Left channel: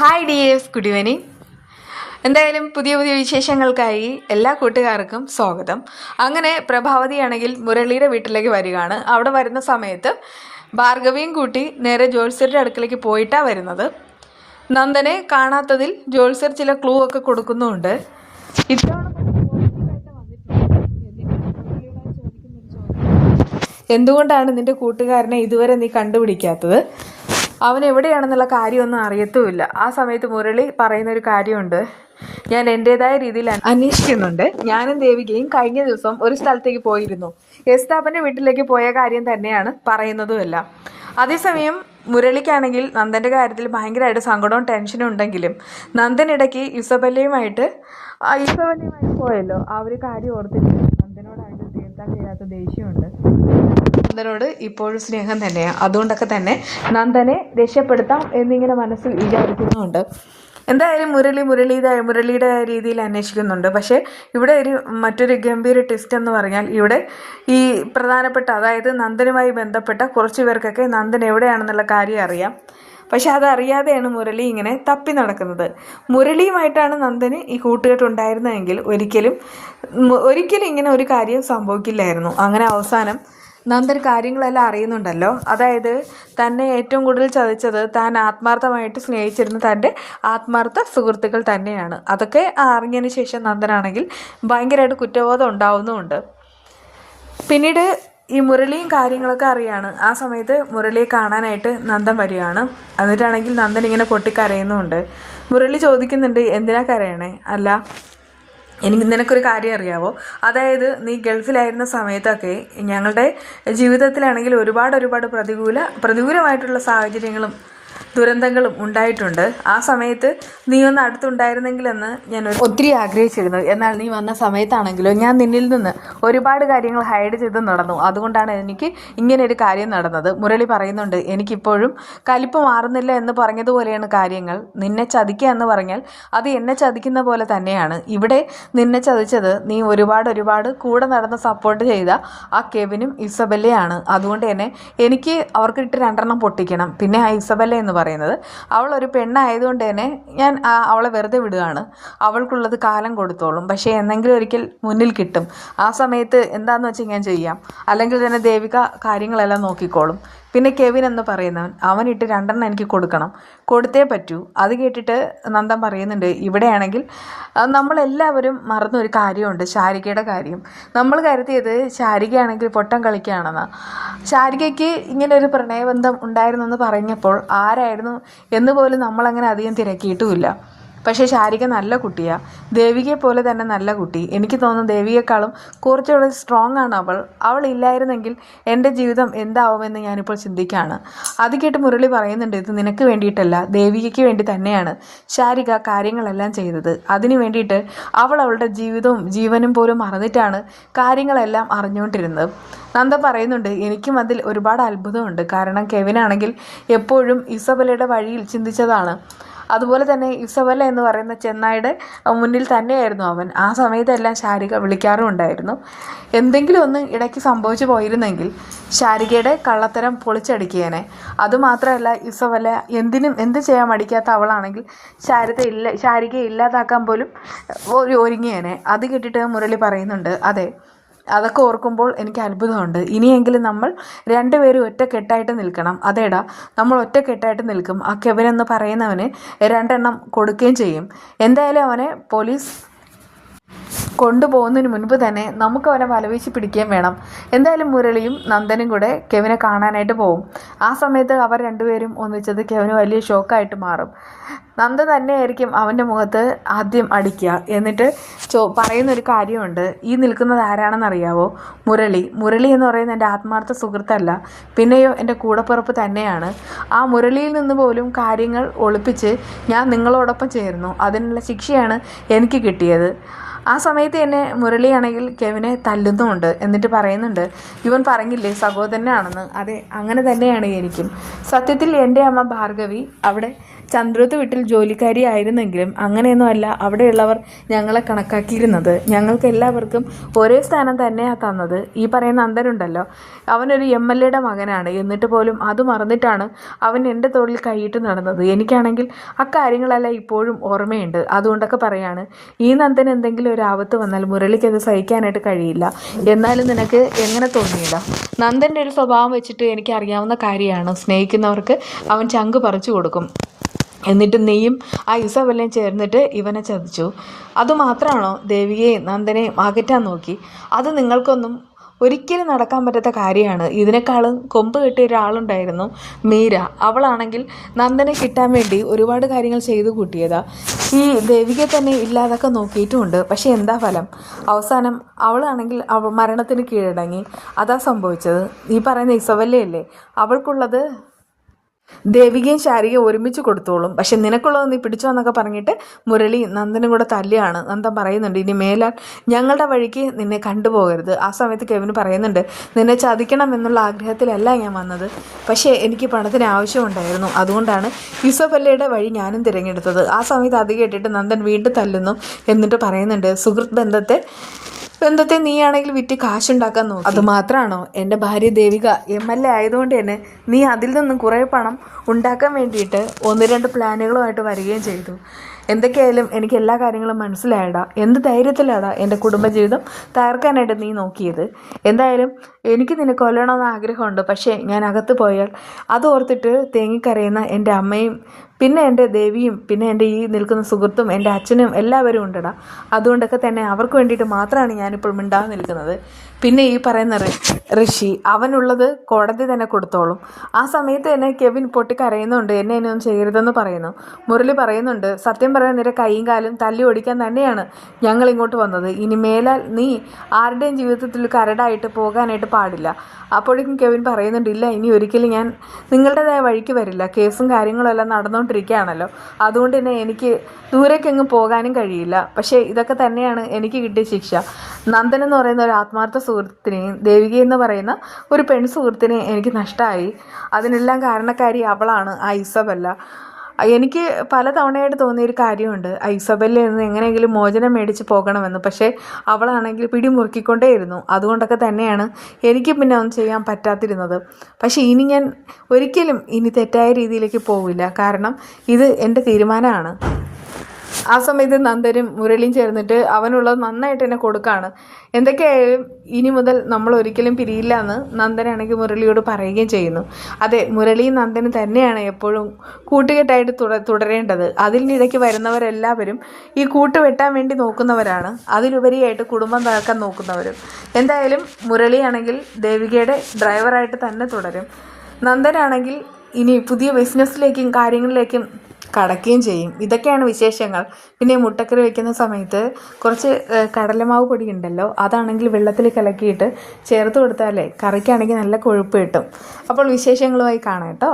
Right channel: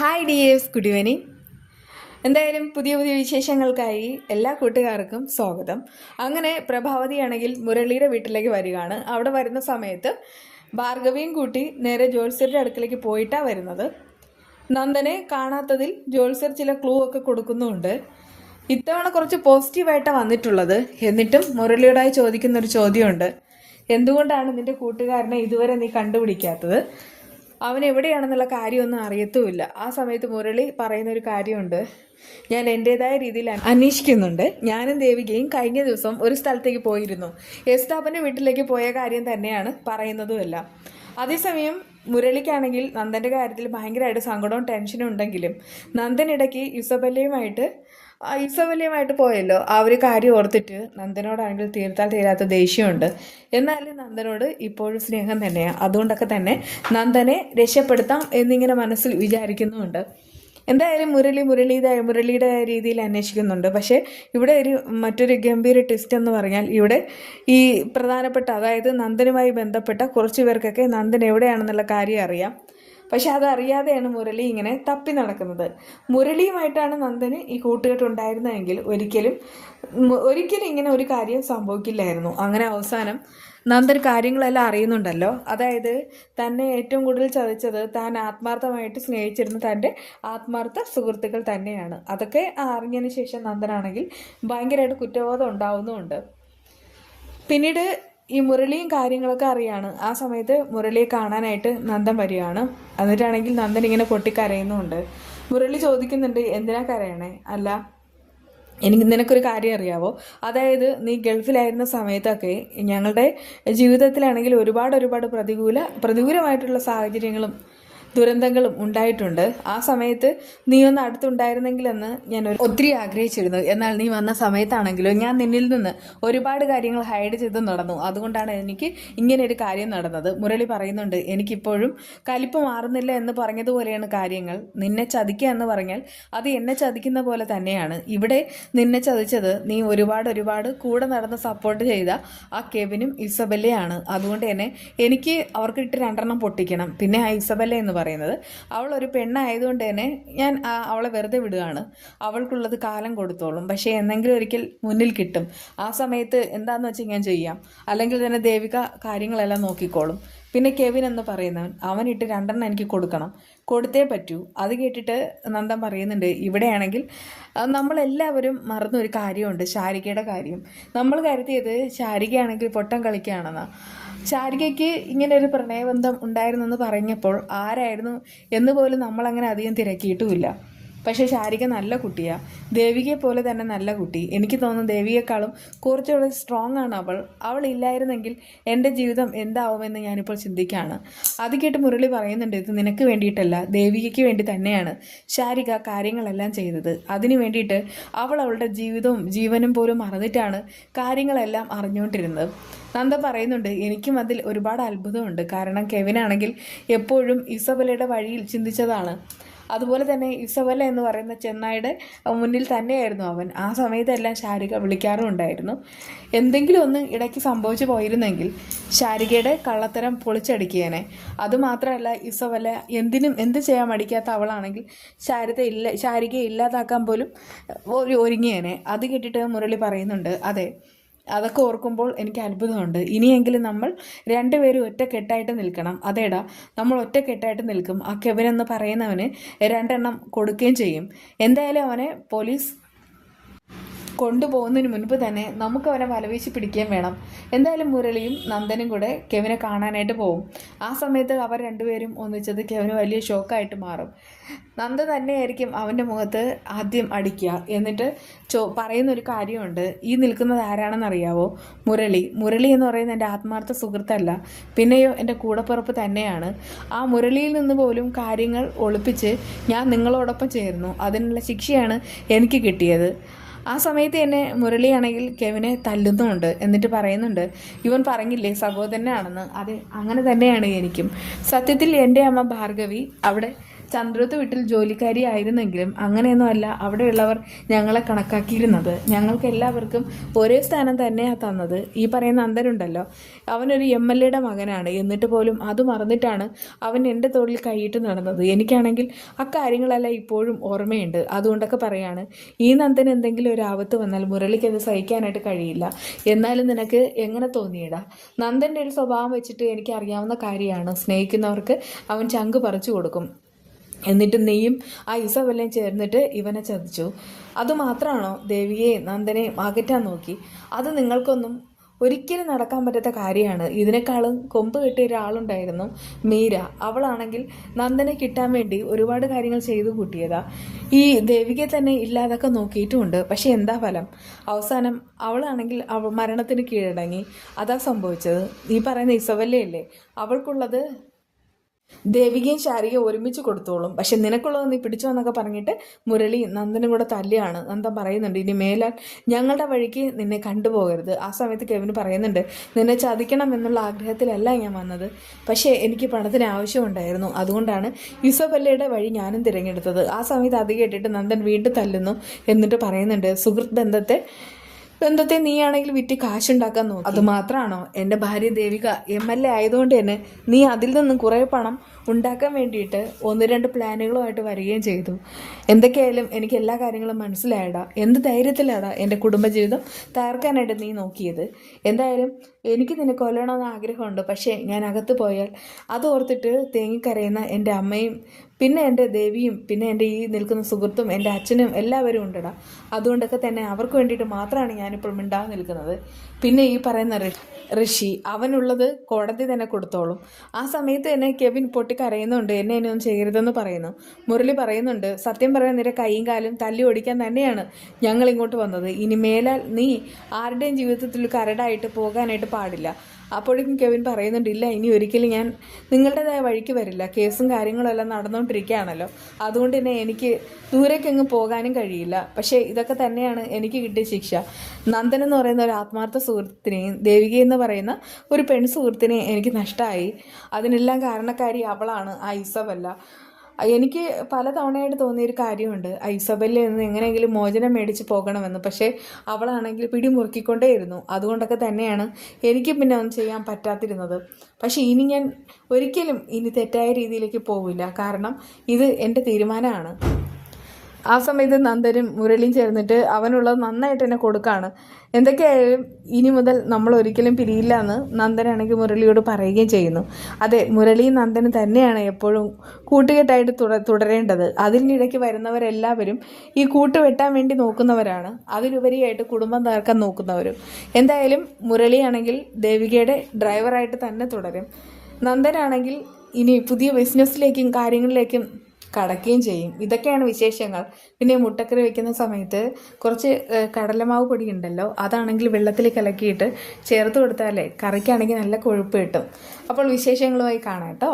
Hi dears, good evening. എന്തായാലും പുതിയ പുതിയ വിശേഷങ്ങൾക്കായി എല്ലാ കൂട്ടുകാർക്കും സ്വാഗതം. അങ്ങനെ പ്രഭാവതിയാണെങ്കിൽ മുരളിയുടെ വീട്ടിലേക്ക് വരികയാണ്. അവിടെ വരുന്ന സമയത്ത് ഭാർഗവിയും കൂട്ടി നേരെ ജ്യോത്സ്യരുടെ അടുക്കലേക്ക് പോയിട്ടാണ് വരുന്നത്. നന്ദനെ കാണാത്തതിൽ ജ്യോത്സ്യർ ചില ക്ലൂ ഒക്കെ കൊടുക്കുന്നുമുണ്ട്. ഇത്തവണ കുറച്ച് പോസിറ്റീവായിട്ടാണ് വന്നിട്ടുള്ളത്. എന്നിട്ടും മുരളിയോടായി ചോദിക്കുന്നൊരു ചോദ്യമുണ്ട്. എന്തുകൊണ്ടാണ് നിൻ്റെ കൂട്ടുകാരനെ ഇതുവരെ നീ കണ്ടുപിടിക്കാത്തത്? അവൻ എവിടെയാണെന്നുള്ള കാര്യമൊന്നും അറിയത്തുമില്ല. ആ സമയത്ത് മുരളി പറയുന്നൊരു കാര്യമുണ്ട്, ഞാൻ എൻ്റേതായ രീതിയിൽ അന്വേഷിക്കുന്നുണ്ട്. ഞാനും ദേവികയും കഴിഞ്ഞ ദിവസം ഒരു സ്ഥലത്തേക്ക് പോയിരുന്നു. യസ്താപ്പൻ്റെ വീട്ടിലേക്ക് പോയ കാര്യം തന്നെയാണ് പറയുന്നതുമല്ല. അതേസമയം മുരളിക്കാണെങ്കിൽ നന്ദൻ്റെ കാര്യത്തിൽ ഭയങ്കരമായിട്ട് സങ്കടവും ടെൻഷനും ഉണ്ടെങ്കിലും നന്ദനിടയ്ക്ക് ഇസബല്ലയുമായിട്ട് പോയല്ലോ, ആ ഒരു കാര്യം ഓർത്തിട്ട് നന്ദനോടാണെങ്കിൽ തീർത്താൽ തീരാത്ത ദേഷ്യമുണ്ട്. എന്നാലും നന്ദനോട് ഇപ്പോഴും സ്നേഹം തന്നെയാണ്. അതുകൊണ്ടൊക്കെ തന്നെ നന്ദനെ രക്ഷപ്പെടുത്താം എന്നിങ്ങനെ മനസ്സിൽ വിചാരിക്കുന്നുമുണ്ട്. എന്തായാലും മുരളിയുടെ രീതിയിൽ അന്വേഷിക്കുന്നുണ്ട്. പക്ഷേ ഇവിടെ മറ്റൊരു ഗംഭീര ട്വിസ്റ്റ് എന്ന് പറഞ്ഞാൽ, ഇവിടെ ഈ പ്രധാനപ്പെട്ട, അതായത് നന്ദനുമായി ബന്ധപ്പെട്ട കുറച്ച് പേർക്കൊക്കെ നന്ദൻ എവിടെയാണെന്നുള്ള കാര്യം അറിയാം. പക്ഷെ അതറിയാതെയാണ് മുരളി ഇങ്ങനെ തപ്പി നടക്കുന്നത്. മുരളിയുമായിട്ടാണ് നന്ദന് ഈ കൂട്ടുകെട്ടുണ്ടായിരുന്നതെങ്കിൽ ഒരിക്കലും ഇങ്ങനെ ഒരു കാര്യം സംഭവിക്കില്ലായിരുന്നു. അങ്ങനെ അവസാനം നന്ദൻ കാര്യങ്ങളെല്ലാം അറിയുന്നുണ്ടല്ലോ. അതായത് തന്നെ ഏറ്റവും കൂടുതൽ ചതിച്ചത് താൻ ആത്മാർത്ഥമായിട്ട് സ്നേഹിച്ചിരുന്ന തൻ്റെ ആത്മാർത്ഥ സുഹൃത്തുക്കൾ തന്നെയാണ്. അതൊക്കെ അറിഞ്ഞതിന് ശേഷം നന്ദനാണെങ്കിൽ ഭയങ്കരമായിട്ട് കുറ്റബോധം ഉണ്ടാവുന്നുമുണ്ട്. പിന്നീട് ഈ മുരളിയും കാര്യങ്ങളൊക്കെ അറിയാണ്. ആ സമയത്ത് മുരളിയെ കാണാനായിട്ട് നന്ദൻ വരികയാണ്. എന്നിട്ടാണെങ്കിൽ നന്ദൻ ഇങ്ങനെ പൊട്ടിക്കരയുന്നുമുണ്ട്. മുരളി ചോദിക്കുന്നുണ്ട്, എന്തിനാ കരയണേ? അല്ല, നിനക്കൊരു കാര്യം അറിയാവോ? അതായത് നീ ഗൾഫിലായിരുന്ന സമയത്തൊക്കെ ഞങ്ങളുടെ ജീവിതത്തിലാണെങ്കിൽ ഒരുപാട് പ്രതികൂലമായിട്ടുള്ള സാഹചര്യങ്ങളും ദുരന്തങ്ങളും ഉണ്ടായിട്ടുണ്ട്. ആ സമയത്ത് നീ ഒന്ന് അടുത്തുണ്ടായിരുന്നെങ്കിലെന്ന് ഞാൻ ഒത്തിരി ആഗ്രഹിച്ചിരുന്നു. എന്നാൽ നീ വന്ന സമയത്താണെങ്കിലോ ഞാൻ നിന്നിൽ നിന്ന് ഒരുപാട് കാര്യങ്ങൾ ഹൈഡ് ചെയ്ത് നടന്നു. അതുകൊണ്ടാണ് എനിക്ക് ഇങ്ങനെ ഒരു കാര്യം നടന്നത്. മുരളി പറയുന്നുണ്ട്, എനിക്കിപ്പോഴും കലിപ്പ് മാറുന്നില്ല എന്ന് പറഞ്ഞതുപോലെയാണ് കാര്യങ്ങൾ. നിന്നെ ചതിക്കുക എന്ന് പറഞ്ഞാൽ അത് എന്നെ ചതിക്കുന്ന പോലെ തന്നെയാണ്. ഇവിടെ നിന്നെ ചതിച്ചത് നീ ഒരുപാട് കൂടെ നടന്ന് സപ്പോർട്ട് ചെയ്ത ആ കെവിനും ഇസബല്ലയാണ്. അതുകൊണ്ട് തന്നെ എനിക്ക് അവർക്കിട്ട് 2 പൊട്ടിക്കണം. പിന്നെ ആ ഇസബല്ല എന്ന് പറയുന്നത് അവൾ ഒരു പെണ്ണായതുകൊണ്ട് തന്നെ ഞാൻ അവളെ വെറുതെ വിടുകയാണ്. അവൾക്കുള്ളത് കാലം കൊടുത്തോളും. പക്ഷേ എന്നെങ്കിലും ഒരിക്കൽ മുന്നിൽ കിട്ടും. ആ സമയത്ത് എന്താന്ന് വെച്ചാൽ ഞാൻ ചെയ്യാം. അല്ലെങ്കിൽ തന്നെ ദേവിക കാര്യങ്ങളെല്ലാം നോക്കിക്കോളും. പിന്നെ കെവിൻ എന്ന് പറയുന്നവൻ, അവനിട്ട് 2 എനിക്ക് കൊടുത്തേ പറ്റൂ. അത് കേട്ടിട്ട് നന്ദൻ പറയുന്നുണ്ട്, ഇവിടെയാണെങ്കിൽ നമ്മളെല്ലാവരും മറന്നൊരു കാര്യമുണ്ട്, ശാരികയുടെ കാര്യം. നമ്മൾ കരുതിയത് ശാരികയാണെങ്കിൽ പൊട്ടം കളിക്കുകയാണെന്ന്. ശാരികയ്ക്ക് ഇങ്ങനെ ഒരു പ്രണയബന്ധം ഉണ്ടായിരുന്നെന്ന് പറഞ്ഞപ്പോൾ ആരായിരുന്നു എന്ന് പോലും നമ്മളങ്ങനെ അധികം തിരക്കിയിട്ടുമില്ല. പക്ഷേ ശാരിക നല്ല കുട്ടിയാണ്. ദേവികയെ പോലെ തന്നെ നല്ല കുട്ടി. എനിക്ക് തോന്നുന്നു ദേവികയെക്കാളും കുറച്ചുകൂടെ സ്ട്രോങ് ആണ് അവൾ ഇല്ലായിരുന്നെങ്കിൽ എൻ്റെ ജീവിതം എന്താവുമെന്ന് ഞാനിപ്പോൾ ചിന്തിക്കുകയാണ്. അത് കേട്ട് മുരളി പറയുന്നുണ്ട്, ഇത് നിനക്ക് വേണ്ടിയിട്ടല്ല, ദേവികയ്ക്ക് വേണ്ടി തന്നെയാണ് ശാരിക കാര്യങ്ങളെല്ലാം ചെയ്തത്. അതിനു വേണ്ടിയിട്ട് അവളുടെ ജീവിതവും ജീവനും പോലും മറന്നിട്ടാണ് കാര്യങ്ങളെല്ലാം അറിഞ്ഞുകൊണ്ടിരുന്നത്. നന്ദ പറയുന്നുണ്ട്, എനിക്കും അതിൽ ഒരുപാട് അത്ഭുതമുണ്ട്. കാരണം കെവിനാണെങ്കിൽ എപ്പോഴും ഇസബല്ലയുടെ വഴിയിൽ ചിന്തിച്ചതാണ്. അതുപോലെ തന്നെ ഇസബല്ല എന്ന് പറയുന്ന ചെന്നായുടെ മുന്നിൽ തന്നെയായിരുന്നു അവൻ. ആ സമയത്തെല്ലാം ശാരിക വിളിക്കാറുമുണ്ടായിരുന്നു. എന്തെങ്കിലും ഒന്ന് ഇടയ്ക്ക് സംഭവിച്ചു പോയിരുന്നെങ്കിൽ ശാരികയുടെ കള്ളത്തരം പൊളിച്ചടിക്കുകേനെ. അതുമാത്രമല്ല, ഇസബല്ല എന്ത് ചെയ്യാൻ മടിക്കാത്ത അവളാണെങ്കിൽ ശാരികയെ ഇല്ലാതാക്കാൻ പോലും ഒരുങ്ങിയേനെ. അത് കേട്ടിട്ട് മുരളി പറയുന്നുണ്ട്, അതെ, അതൊക്കെ ഓർക്കുമ്പോൾ എനിക്ക് അത്ഭുതമുണ്ട്. ഇനിയെങ്കിലും നമ്മൾ 2 പേരും ഒറ്റക്കെട്ടായിട്ട് നിൽക്കണം. അതേടാ, നമ്മൾ ഒറ്റക്കെട്ടായിട്ട് നിൽക്കും. ആ കെവിൻ എന്ന് പറയുന്നവന് 2 കൊടുക്കുകയും ചെയ്യും. എന്തായാലും അവനെ പോലീസ് കൊണ്ടുപോകുന്നതിന് മുൻപ് തന്നെ നമുക്ക് അവനെ വലവീശി പിടിക്കുകയും വേണം. എന്തായാലും മുരളിയും നന്ദനും കൂടെ കെവിനെ കാണാനായിട്ട് പോകും. ആ സമയത്ത് അവർ 2 പേരും ഒന്നിച്ചത് കെവിന് വലിയ ഷോക്കായിട്ട് മാറും. നന്ദ തന്നെയായിരിക്കും അവൻ്റെ മുഖത്ത് ആദ്യം അടിക്കുക. എന്നിട്ട് പറയുന്നൊരു കാര്യമുണ്ട്, ഈ നിൽക്കുന്നത് ആരാണെന്നറിയാവോ? മുരളി എന്ന് പറയുന്നത് എൻ്റെ ആത്മാർത്ഥ സുഹൃത്തല്ല, പിന്നെയോ എൻ്റെ കൂടപ്പിറപ്പ് തന്നെയാണ്. ആ മുരളിയിൽ നിന്ന് പോലും കാര്യങ്ങൾ ഒളിപ്പിച്ച് ഞാൻ നിങ്ങളോടൊപ്പം ചേർന്നു. അതിനുള്ള ശിക്ഷയാണ് എനിക്ക് കിട്ടിയത്. ആ സമയത്ത് തന്നെ മുരളിയാണെങ്കിൽ കെവിനെ തല്ലുന്നുമുണ്ട്. എന്നിട്ട് പറയുന്നുണ്ട്, ഇവൻ പറഞ്ഞില്ലേ സഹോദരനാണെന്ന്. അതെ, അങ്ങനെ തന്നെയാണ് എനിക്കും. സത്യത്തിൽ എൻ്റെ അമ്മ ഭാർഗവി അവിടെ ചന്ദ്രത്ത് വീട്ടിൽ ജോലിക്കാരി ആയിരുന്നെങ്കിലും അങ്ങനെയൊന്നുമല്ല അവിടെയുള്ളവർ ഞങ്ങളെ കണക്കാക്കിയിരുന്നത്. ഞങ്ങൾക്ക് എല്ലാവർക്കും ഒരേ സ്ഥാനം തന്നെയാണ് തന്നത്. ഈ പറയുന്ന നന്ദനുണ്ടല്ലോ, അവനൊരു MLAയുടെ മകനാണ്. എന്നിട്ട് പോലും അത് മറന്നിട്ടാണ് അവൻ എൻ്റെ തോളിൽ കൈയിട്ട് നടന്നത്. എനിക്കാണെങ്കിൽ അക്കാര്യങ്ങളെല്ലാം ഇപ്പോഴും ഓർമ്മയുണ്ട്. അതുകൊണ്ടൊക്കെ പറയാണ്, ഈ നന്ദൻ എന്തെങ്കിലും ഒരു ആപത്ത് വന്നാൽ മുരളിക്ക് അത് സഹിക്കാനായിട്ട് കഴിയില്ല. എന്നാലും നിനക്ക് എങ്ങനെ തോന്നിയില്ല? നന്ദൻ്റെ ഒരു സ്വഭാവം വെച്ചിട്ട് എനിക്ക് അറിയാവുന്ന കാര്യമാണ്. സ്നേഹിക്കുന്നവർക്ക് അവൻ ചങ്ക് പറിച്ചു കൊടുക്കും. എന്നിട്ട് നീയും ആ ഇസബെല്ലയും ചേർന്നിട്ട് ഇവനെ ചതിച്ചു. അതുമാത്രമാണോ ദേവിയെയും നന്ദനെയും അകറ്റാൻ നോക്കി? അത് നിങ്ങൾക്കൊന്നും ഒരിക്കലും നടക്കാൻ പറ്റാത്ത കാര്യമാണ്. ഇതിനേക്കാളും കൊമ്പ് കെട്ടിയ ഒരാളുണ്ടായിരുന്നു, മീര. അവളാണെങ്കിൽ നന്ദനെ കിട്ടാൻ വേണ്ടി ഒരുപാട് കാര്യങ്ങൾ ചെയ്തു കൂട്ടിയതാ. ഈ ദേവികയെ തന്നെ ഇല്ലാതൊക്കെ നോക്കിയിട്ടുമുണ്ട്. പക്ഷെ എന്താ ഫലം? അവസാനം അവളാണെങ്കിൽ മരണത്തിന് കീഴടങ്ങി. അതാ സംഭവിച്ചത്. ഈ പറയുന്ന ഇസബെല്ലയല്ലേ, അവൾക്കുള്ളത് ദേവികയും ശാരികയും ഒരുമിച്ച് കൊടുത്തോളും. പക്ഷെ നിനക്കുള്ളത് നീ പിടിച്ചോ എന്നൊക്കെ പറഞ്ഞിട്ട് മുരളി നന്ദനും കൂടെ തല്ലിയാണ്. നന്ദൻ പറയുന്നുണ്ട്, ഇനി മേലാൽ ഞങ്ങളുടെ വഴിക്ക് നിന്നെ കണ്ടുപോകരുത്. ആ സമയത്ത് കെവിന് പറയുന്നുണ്ട്, നിന്നെ ചതിക്കണം എന്നുള്ള ആഗ്രഹത്തിലല്ല ഞാൻ വന്നത്, പക്ഷേ എനിക്ക് പണത്തിന് ആവശ്യമുണ്ടായിരുന്നു. അതുകൊണ്ടാണ് ഇസബെല്ലയുടെ വഴി ഞാനും തിരഞ്ഞെടുത്തത്. ആ സമയത്ത് അത് കേട്ടിട്ട് നന്ദൻ വീണ്ടും തല്ലുന്നു. എന്നിട്ട് പറയുന്നുണ്ട്, സുഹൃത്ത് ബന്ധത്തെ നീയാണെങ്കിൽ വിറ്റ് കാശുണ്ടാക്കാൻ നോക്കും. അതുമാത്രമാണോ? എൻ്റെ ഭാര്യ ദേവിക MLA ആയതുകൊണ്ട് തന്നെ നീ അതിൽ നിന്നും കുറേ പണം ഉണ്ടാക്കാൻ വേണ്ടിയിട്ട് 1-2 പ്ലാനുകളുമായിട്ട് വരികയും ചെയ്തു. എന്തൊക്കെയായാലും എനിക്ക് എല്ലാ കാര്യങ്ങളും മനസ്സിലായടാ. എന്ത് ധൈര്യത്തിലാടാ എൻ്റെ കുടുംബജീവിതം തകർക്കാനായിട്ട് നീ നോക്കിയത്? എന്തായാലും എനിക്ക് നിന്നെ കൊല്ലണമെന്ന് ആഗ്രഹമുണ്ട്. പക്ഷേ ഞാൻ അകത്ത് പോയാൽ അത് ഓർത്തിട്ട് തേങ്ങിക്കരയുന്ന എൻ്റെ അമ്മയും പിന്നെ എൻ്റെ ദേവിയും പിന്നെ എൻ്റെ ഈ നിൽക്കുന്ന സുഹൃത്തും എൻ്റെ അച്ഛനും എല്ലാവരും ഉണ്ടടാ. അതുകൊണ്ടൊക്കെ തന്നെ അവർക്ക് വേണ്ടിയിട്ട് മാത്രമാണ് ഞാനിപ്പോൾ മിണ്ടാതെ നിൽക്കുന്നത്. പിന്നെ ഈ പറയുന്ന ഋഷി, അവനുള്ളത് കോടതി തന്നെ കൊടുത്തോളും. ആ സമയത്ത് തന്നെ കെവിൻ പൊട്ടിക്കരയുന്നുണ്ട്, എന്നെ ഇനിയൊന്നും ചെയ്യരുതെന്ന് പറയുന്നു. മുരളി പറയുന്നുണ്ട്, സത്യം പറയാൻ നിന്റെ കൈയും കാലും തല്ലി ഓടിക്കാൻ തന്നെയാണ് ഞങ്ങൾ ഇങ്ങോട്ട് വന്നത്. ഇനി മേലാൽ നീ ആരുടെയും ജീവിതത്തിൽ കരടായിട്ട് പോകാനായിട്ട് പാടില്ല. അപ്പോഴേക്കും കെവിൻ പറയുന്നുണ്ട്, ഇല്ല, ഇനി ഒരിക്കലും ഞാൻ നിങ്ങളുടേതായ വഴിക്ക് വരില്ല. കേസും കാര്യങ്ങളും എല്ലാം നടന്നുകൊണ്ടിരിക്കുകയാണല്ലോ, അതുകൊണ്ട് തന്നെ എനിക്ക് ദൂരേക്കെങ്ങും പോകാനും കഴിയില്ല. പക്ഷേ ഇതൊക്കെ തന്നെയാണ് എനിക്ക് കിട്ടിയ ശിക്ഷ. നന്ദൻ എന്ന് പറയുന്ന ഒരു ആത്മാർത്ഥ സുഹൃത്തിനെയും ദേവിക എന്ന് പറയുന്ന ഒരു പെൺ സുഹൃത്തിനെയും എനിക്ക് നഷ്ടമായി. അതിനെല്ലാം കാരണക്കാരി അവളാണ്, ആ ഇസബെല്ല. എനിക്ക് പല തവണയായിട്ട് തോന്നിയൊരു കാര്യമുണ്ട്, ഇസബെല്ലയിൽ നിന്ന് എങ്ങനെയെങ്കിലും മോചനം മേടിച്ച് പോകണമെന്ന്. പക്ഷേ അവളാണെങ്കിൽ പിടിമുറുക്കിക്കൊണ്ടേയിരുന്നു. അതുകൊണ്ടൊക്കെ തന്നെയാണ് എനിക്ക് പിന്നെ ഒന്നും ചെയ്യാൻ പറ്റാതിരുന്നത്. പക്ഷേ ഇനി ഞാൻ ഒരിക്കലും ഇനി തെറ്റായ രീതിയിലേക്ക് പോവില്ല. കാരണം ഇത് എൻ്റെ തീരുമാനമാണ്. ആ സമയത്ത് നന്ദനും മുരളിയും ചേർന്നിട്ട് അവനുള്ളത് നന്നായിട്ട് തന്നെ കൊടുക്കുകയാണ്. എന്തൊക്കെയായാലും ഇനി മുതൽ നമ്മൾ ഒരിക്കലും പിരിയില്ല എന്ന് നന്ദനാണെങ്കിൽ മുരളിയോട് പറയുകയും ചെയ്യുന്നു. അതെ, മുരളിയും നന്ദനും തന്നെയാണ് എപ്പോഴും കൂട്ടുകെട്ടായിട്ട് തുടരേണ്ടത്. അതിനിടയ്ക്ക് വരുന്നവരെല്ലാവരും ഈ കൂട്ടുവെട്ടാൻ വേണ്ടി നോക്കുന്നവരാണ്, അതിലുപരിയായിട്ട് കുടുംബം തകർക്കാൻ നോക്കുന്നവരും. എന്തായാലും മുരളിയാണെങ്കിൽ ദേവികയുടെ ഡ്രൈവറായിട്ട് തന്നെ തുടരും. നന്ദനാണെങ്കിൽ ഇനി പുതിയ ബിസിനസ്സിലേക്കും കാര്യങ്ങളിലേക്കും കടക്കുകയും ചെയ്യും. ഇതൊക്കെയാണ് വിശേഷങ്ങൾ. പിന്നെ മുട്ടക്കറി വയ്ക്കുന്ന സമയത്ത് കുറച്ച് കടലമാവ് പൊടി ഉണ്ടല്ലോ, അതാണെങ്കിൽ വെള്ളത്തിൽ കലക്കിയിട്ട് ചേർത്ത് കൊടുത്താലേ കറിക്കാണെങ്കിൽ നല്ല കൊഴുപ്പ് കിട്ടും. അപ്പോൾ വിശേഷങ്ങളുമായി കാണാം കേട്ടോ.